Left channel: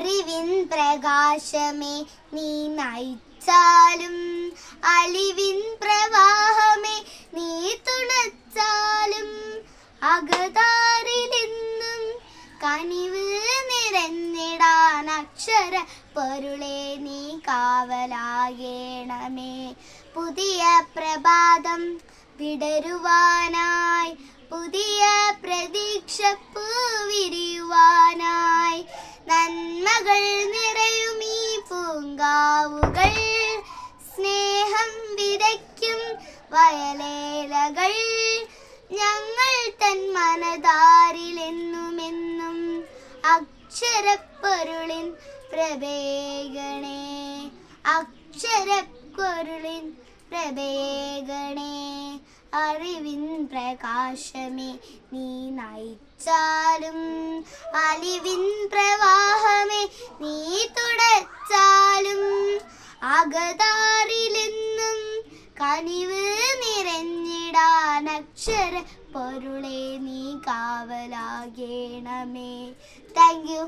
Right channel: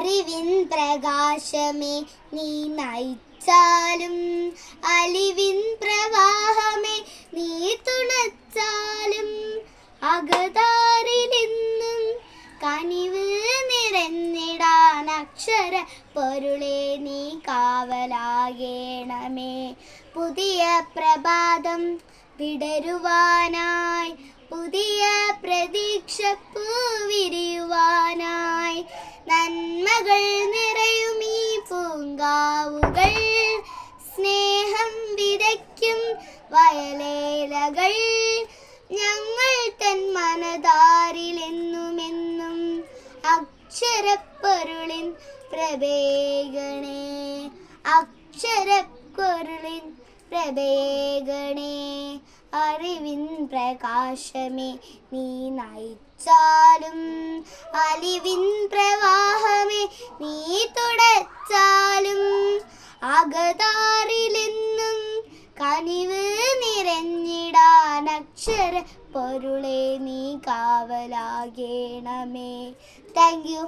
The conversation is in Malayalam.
അറിവിൻ പ്രകാശമേ നീ നയിച്ചാലും, അലിവിൻ പ്രവാഹമേ നീ തുണച്ചാലും, അകതാരിലെന്നും കനിവ് നിറഞ്ഞിടാൻ അക്ഷര പൊരുളെ നീ കാവലാകേണമേ. പുതിയ പ്രഭാതം വിടരുവാനായി, പുതിയ പ്രതീക്ഷപ്പൂ വിരിയുവാനായി, നന്മകൾ നിറയും ഈ പൂങ്കാവുകൾ, സ്നേഹം വിതയ്ക്കും വയലേലകൾ, ഞങ്ങൾ തൻ മനതാരിലെന്നുമെന്നും അക്ഷരപ്പൊരുളിൻ പ്രഭേഗണേ, അക്ഷരപ്പൊരുളിൻ പ്രഭേഗണേ. അറിവിൻ പ്രകാശമേ നീ നയിച്ചാലും, അലിവിൻ പ്രവാഹമേ നീ തുടച്ചാലും, അകതാരിലെന്നും കനിവ് നിറഞ്ഞിടാൻ അക്ഷര പൊരുളെ നീ കാവലാകേണമേ. Thank you.